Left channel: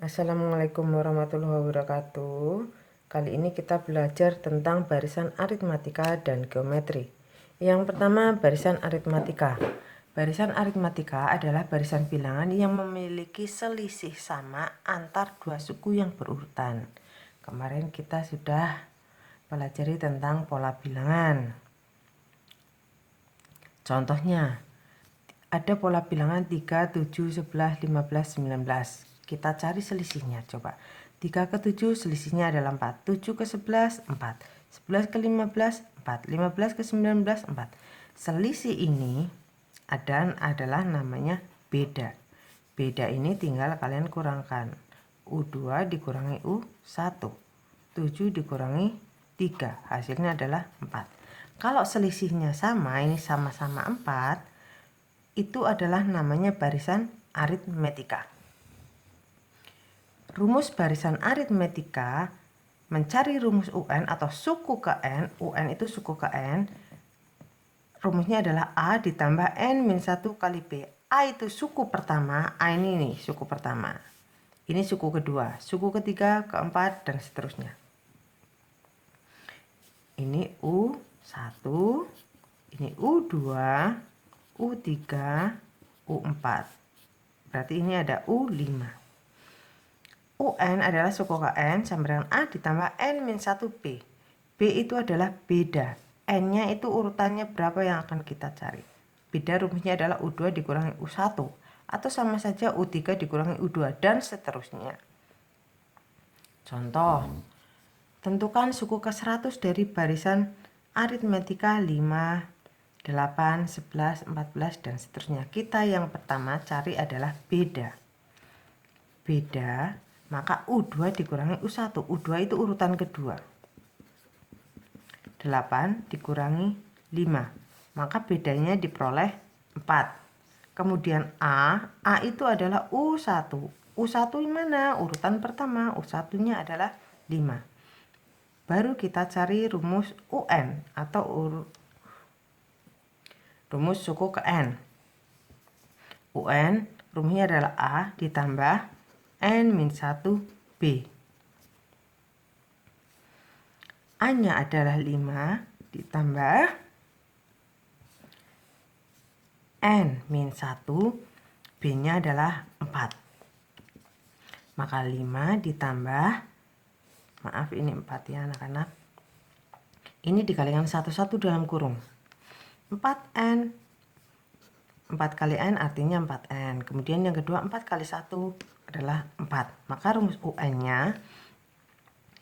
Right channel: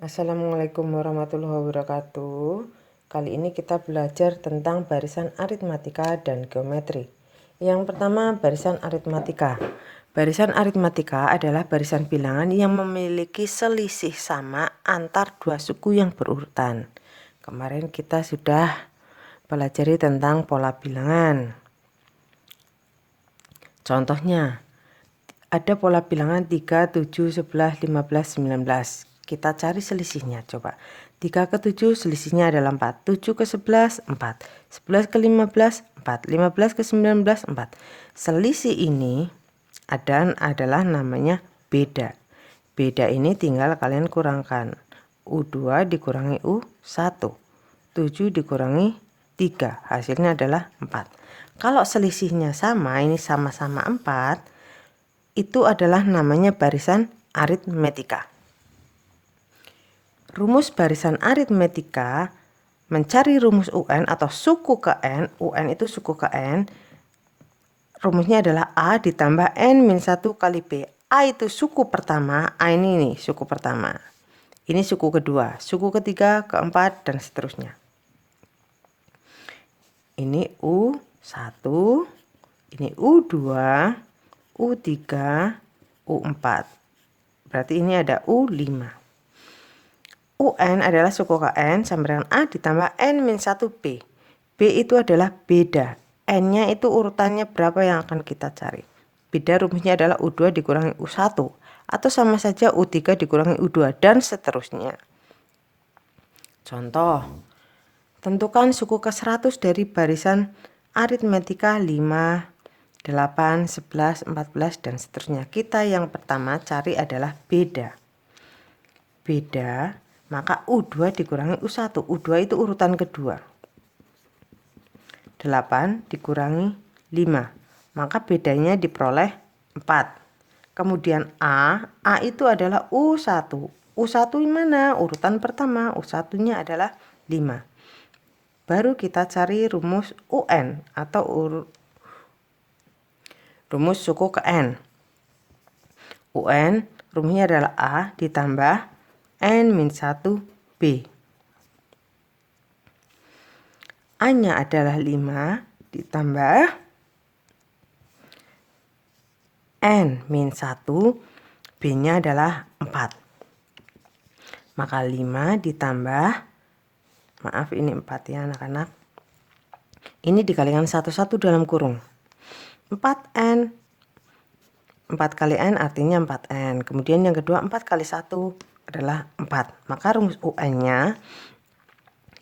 Assalamualaikum warahmatullahi wabarakatuh. Kali ini kita belajar tentang barisan aritmatika dan geometri. Yang pertama, barisan aritmatika. Barisan aritmatika adalah barisan bilangan yang memiliki selisih sama antar dua suku yang berurutan. Kemarin kita sudah pelajari tentang pola bilangan. Contohnya, ada pola bilangan 3, 7, 11, 15, 19. Kita cari selisihnya coba. 3 ke 7 selisihnya adalah 4. 7 ke 11, 4. 11 ke 15, 4. 15 ke 19, 4. Selisih ini adalah namanya beda. Beda ini tinggal kalian kurangkan. U2 dikurangi U1. 7 dikurangi 3. Hasilnya adalah 4. Kalau selisihnya sama, ini sama-sama 4. Itu adalah namanya barisan aritmetika. Rumus barisan aritmetika mencari rumus UN atau suku ke N. UN itu suku ke N. Rumusnya adalah A ditambah N-1 kali B. A itu suku pertama, A ini suku pertama. Ini suku kedua, suku ketiga, keempat, dan seterusnya. Ini U1, ini U2, U3, U4. Berarti ini ada U5. UN adalah suku KN sama dengan A ditambah N-1B. B itu adalah beda. N-nya itu urutannya berapa yang akan kita cari. Beda rumusnya adalah U2 dikurangi U1. Atau sama saja U3 dikurangi U2 dan seterusnya. Contoh, tentukan suku ke-100 dari barisan aritmetika 5, 8, 11, 14, dan seterusnya. Kita yang pertama cari adalah beda. Beda, maka U2 dikurangi U1. U2 itu urutan kedua. 8 dikurangi 5. Maka bedanya diperoleh 4. Kemudian A itu adalah U1. U1 mana? Urutan pertama. U1-nya adalah 5. Baru kita cari rumus UN atau rumus suku ke N. UN rumusnya adalah A ditambah N-1B. A-nya adalah 5 ditambah N-1, B-nya adalah 4. Maka 5 ditambah, maaf ini 4 ya anak-anak. Ini dikalikan 1 dalam kurung. 4N. 4 kali N artinya 4N. Kemudian yang kedua 4 kali 1 adalah 4. Maka rumus UN-nya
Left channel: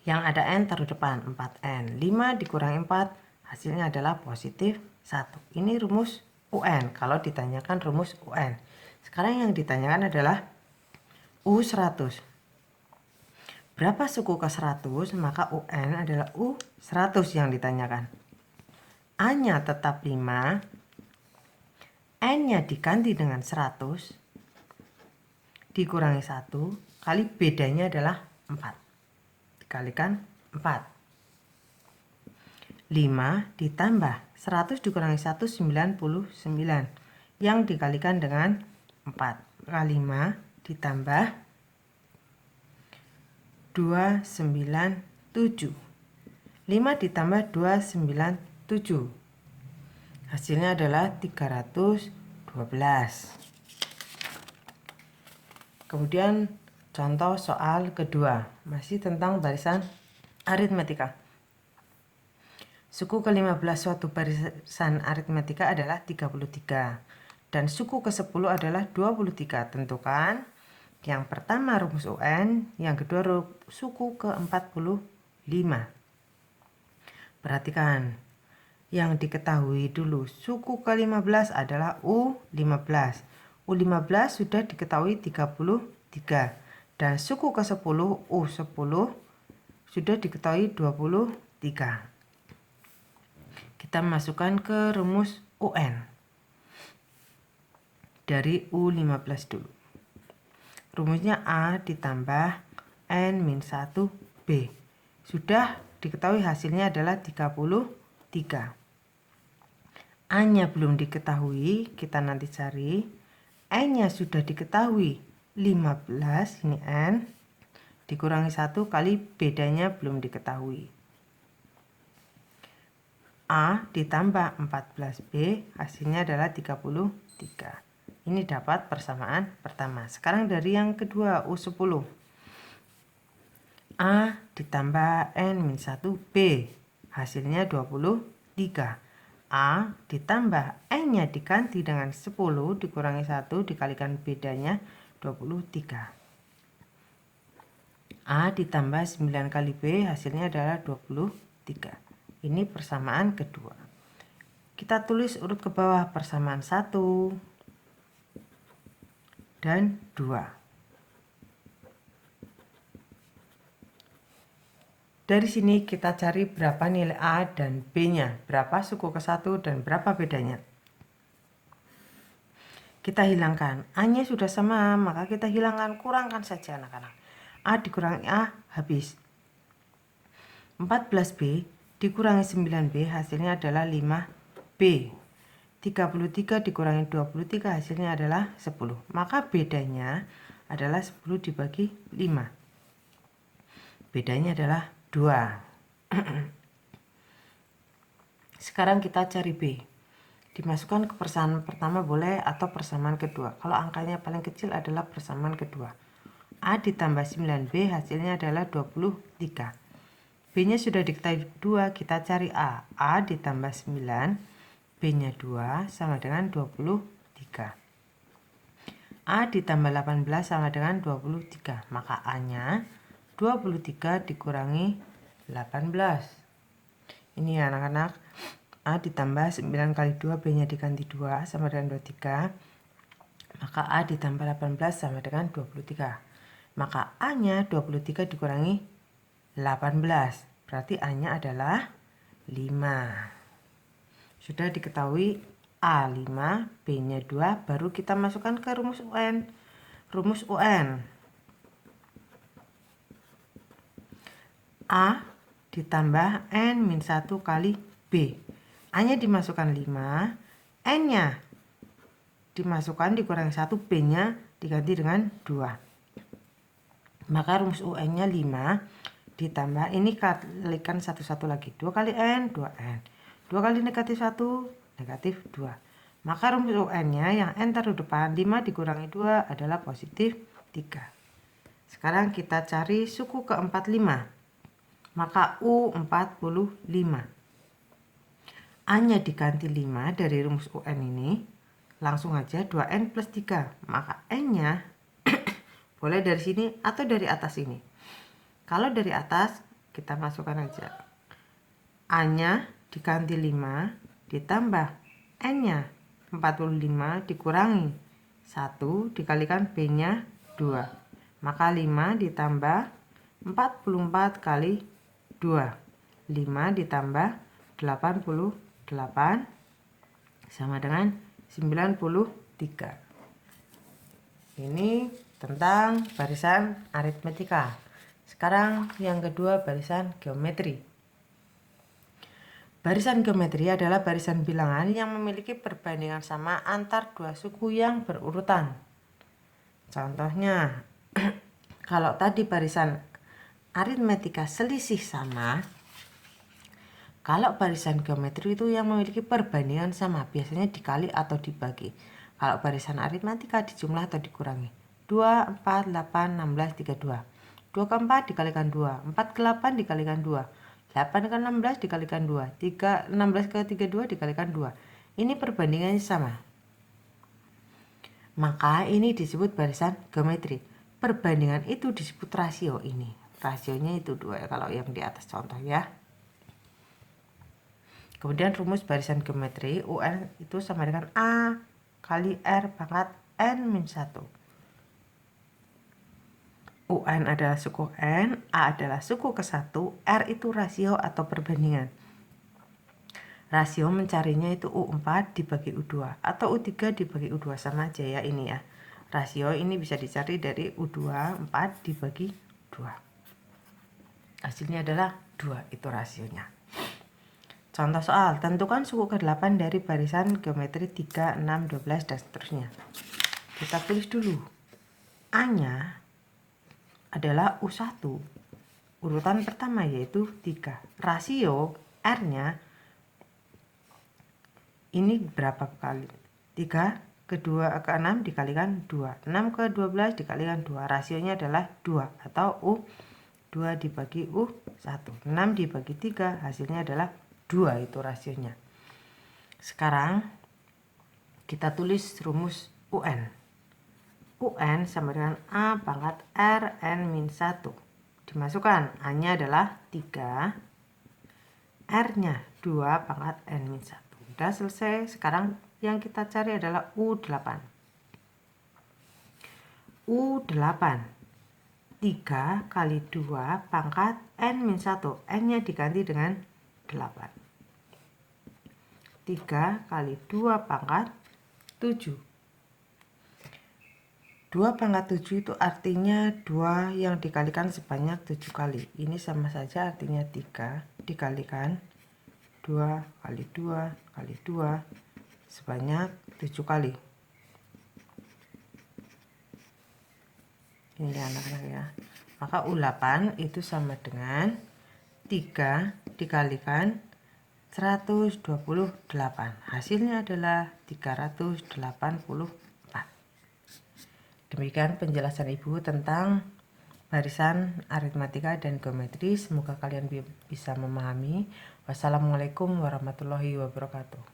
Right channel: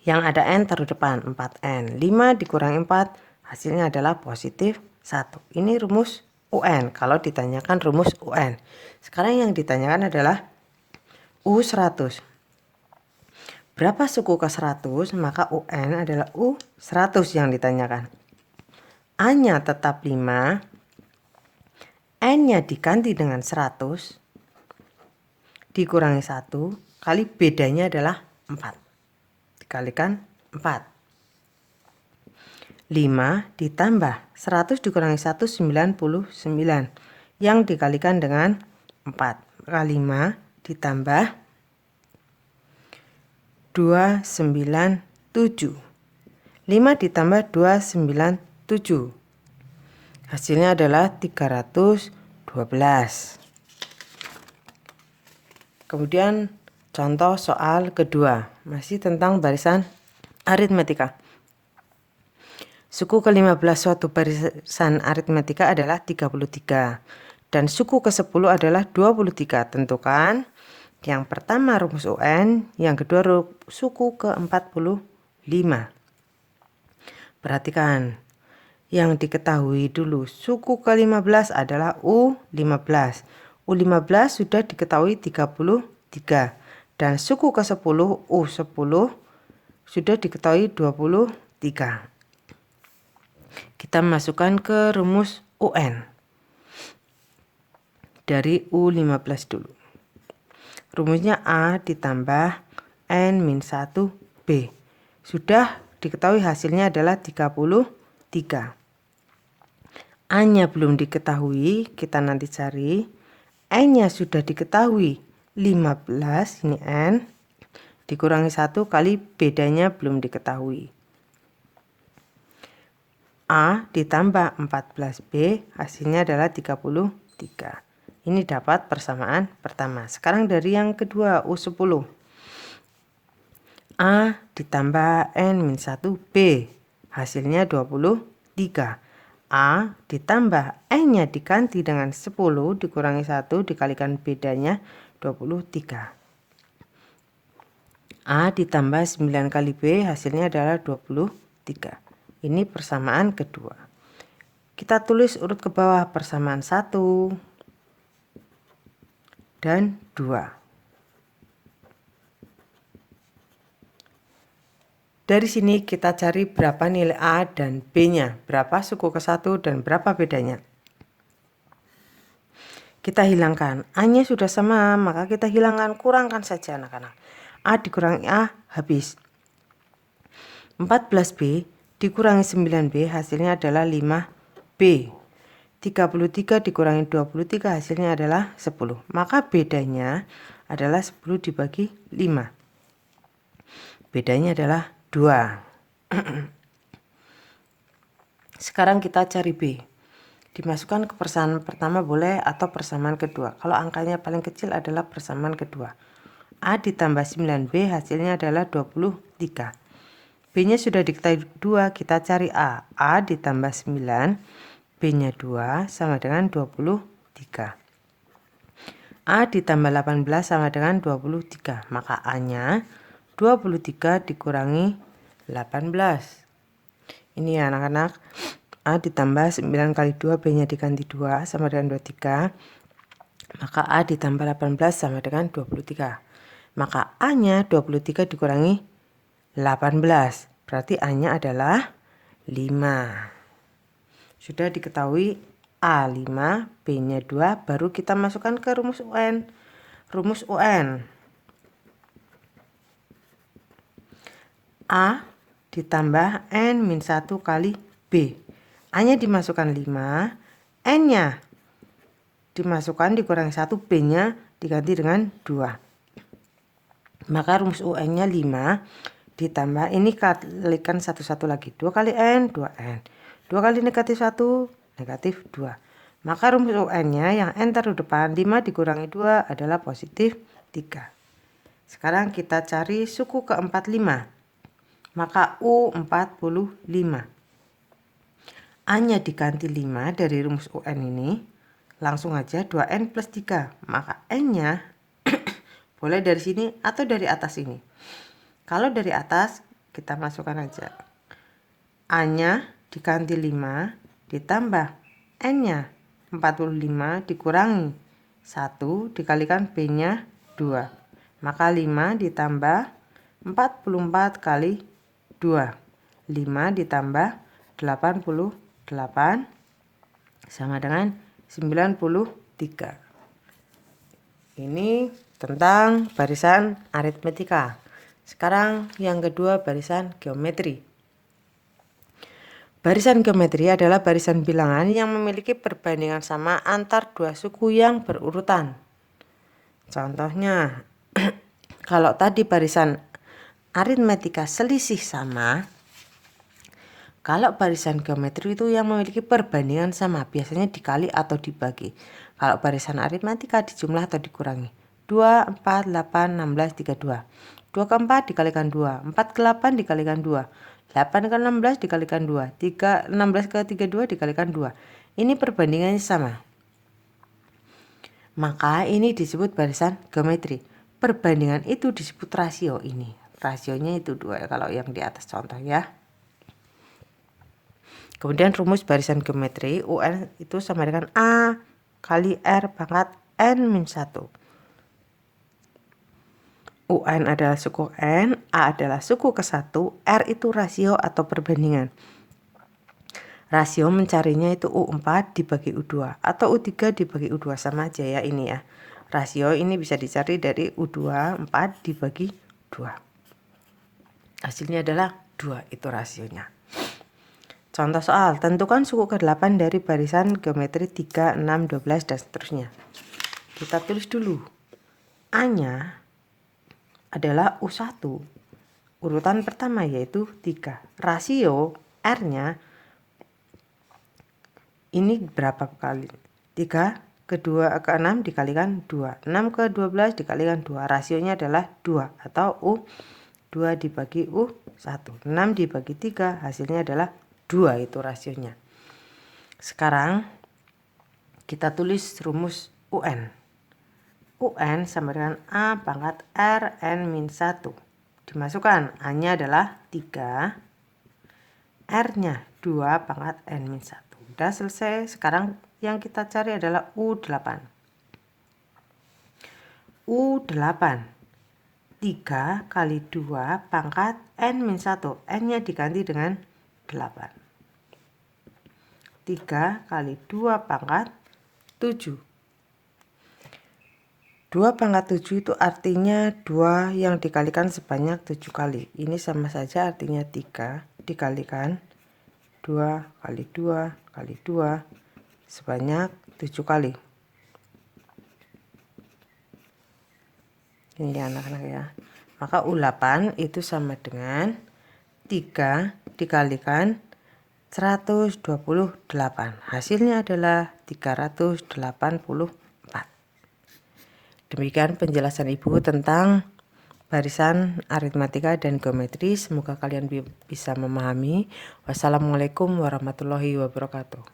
yang ada N taruh depan 4N. 5 dikurangi 4 hasilnya adalah positif 1. Ini rumus UN kalau ditanyakan rumus UN. Sekarang yang ditanyakan adalah U100. Berapa suku ke 100? Maka UN adalah U100 yang ditanyakan. A-nya tetap 5. N-nya diganti dengan 100. Dikurangi 1. Kali bedanya adalah 4. Dikalikan 4. 5 ditambah 100 dikurangi 1, 99. Yang dikalikan dengan 4. Maka 5 ditambah 297. 5 ditambah 297. Hasilnya adalah 312. Kemudian contoh soal kedua. Masih tentang barisan aritmetika. Suku ke-15 suatu barisan aritmetika adalah 33. Dan suku ke-10 adalah 23. Tentukan yang pertama rumus UN, yang kedua suku ke-45. Perhatikan, yang diketahui dulu suku ke-15 adalah U15. U15 sudah diketahui 33. Dan suku ke-10 U10 sudah diketahui 23. Kita masukkan ke rumus UN dari U15 dulu. Rumusnya A ditambah N-1B. Sudah diketahui hasilnya adalah 33. A-nya belum diketahui, kita nanti cari. N-nya sudah diketahui 15, ini N. dikurangi 1 kali bedanya belum diketahui. A ditambah 14B hasilnya adalah 33. Ini dapat persamaan pertama. Sekarang dari yang kedua, U10. A ditambah N-1B hasilnya 23. A ditambah N-nya diganti dengan 10 dikurangi 1 dikalikan bedanya 23. A ditambah 9 kali B hasilnya adalah 23. Ini persamaan kedua. Kita tulis urut ke bawah persamaan 1 dan 2. Dari sini kita cari berapa nilai A dan B-nya, berapa suku ke 1 dan berapa bedanya. Kita hilangkan, A-nya sudah sama, maka kita hilangkan, kurangkan saja anak-anak. A dikurangi A habis. 14B dikurangi 9B hasilnya adalah 5B. 33 dikurangi 23 hasilnya adalah 10. Maka bedanya adalah 10 dibagi 5. Bedanya adalah 2. Sekarang kita cari B. Dimasukkan ke persamaan pertama boleh atau persamaan kedua. Kalau angkanya paling kecil adalah persamaan kedua. A ditambah 9B hasilnya adalah 23. B-nya sudah diketahui 2, kita cari A. A ditambah 9, B-nya 2 sama dengan 23. A ditambah 18 sama dengan 23. Maka A-nya 23 dikurangi 18. Ini ya anak-anak. A ditambah 9 kali 2, B-nya diganti 2 sama dengan 23. Maka A ditambah 18 sama dengan 23. Maka A-nya 23 dikurangi 18. Berarti A-nya adalah 5. Sudah diketahui A 5, B-nya 2, baru kita masukkan ke rumus UN. Rumus UN. A ditambah N-1 kali B. A-nya dimasukkan 5, N-nya dimasukkan dikurangi 1, B-nya diganti dengan 2. Maka rumus UN-nya 5 ditambah, ini kalikan satu-satu lagi. 2 kali N, 2N. 2 kali negatif 1, negatif 2. Maka rumus UN-nya yang N taruh depan, 5 dikurangi 2 adalah positif 3. Sekarang kita cari suku ke-45. Maka U45. A-nya diganti 5 dari rumus UN ini. Langsung aja 2N plus 3. Maka N-nya boleh dari sini atau dari atas ini. Kalau dari atas kita masukkan aja. A-nya diganti 5 ditambah N-nya 45 dikurangi 1 dikalikan B-nya 2. Maka 5 ditambah 44 kali 2. 5 ditambah 88 sama dengan 93. Ini tentang barisan aritmetika. Sekarang yang kedua, barisan geometri. Barisan geometri adalah barisan bilangan yang memiliki perbandingan sama antar dua suku yang berurutan. Contohnya, kalau tadi barisan aritmetika selisih sama, kalau barisan geometri itu yang memiliki perbandingan sama, biasanya dikali atau dibagi. Kalau barisan aritmetika dijumlah atau dikurangi. 2, 4, 8, 16, 32. 2 ke 4 dikalikan 2, 4 ke 8 dikalikan 2, 8 ke 16 dikalikan 2, 16 ke 32 dikalikan 2. Ini perbandingannya sama. Maka ini disebut barisan geometri. Perbandingan itu disebut rasio ini. Rasionya itu 2 kalau yang di atas contoh ya. Kemudian rumus barisan geometri UN itu sama dengan A kali R pangkat N-1. UN adalah suku N, A adalah suku ke-1, R itu rasio atau perbandingan. Rasio mencarinya itu U4 dibagi U2 atau U3 dibagi U2, sama aja ya ini ya. Rasio ini bisa dicari dari U2 4 dibagi 2. Hasilnya adalah 2, itu rasionya. Contoh soal, tentukan suku ke-8 dari barisan geometri 3, 6, 12 dan seterusnya. Kita tulis dulu. A-nya adalah U1. Urutan pertama yaitu 3. Rasio R-nya ini berapa kali? 3 ke 6 dikalikan 2. 6 ke 12 dikalikan 2. Rasionya adalah 2 atau U2 dibagi U1. 6 dibagi 3 hasilnya adalah 2, itu rasionya. Sekarang kita tulis rumus UN. UN sama dengan A pangkat Rn-1. Dimasukkan, A-nya adalah 3, R-nya 2 pangkat N-1. Udah selesai. Sekarang yang kita cari adalah U8. U8 3 kali 2 pangkat N-1. N-nya diganti dengan 8. 3 kali 2 pangkat 7. 2 pangkat 7 itu artinya 2 yang dikalikan sebanyak 7 kali. Ini sama saja artinya 3 dikalikan 2 kali 2 kali 2 sebanyak 7 kali. Ini anak-anak ya. Maka U8 itu sama dengan 3 dikalikan 128. Hasilnya adalah 384. Demikian penjelasan Ibu tentang barisan aritmatika dan geometri. Semoga kalian bisa memahami. Wassalamualaikum warahmatullahi wabarakatuh.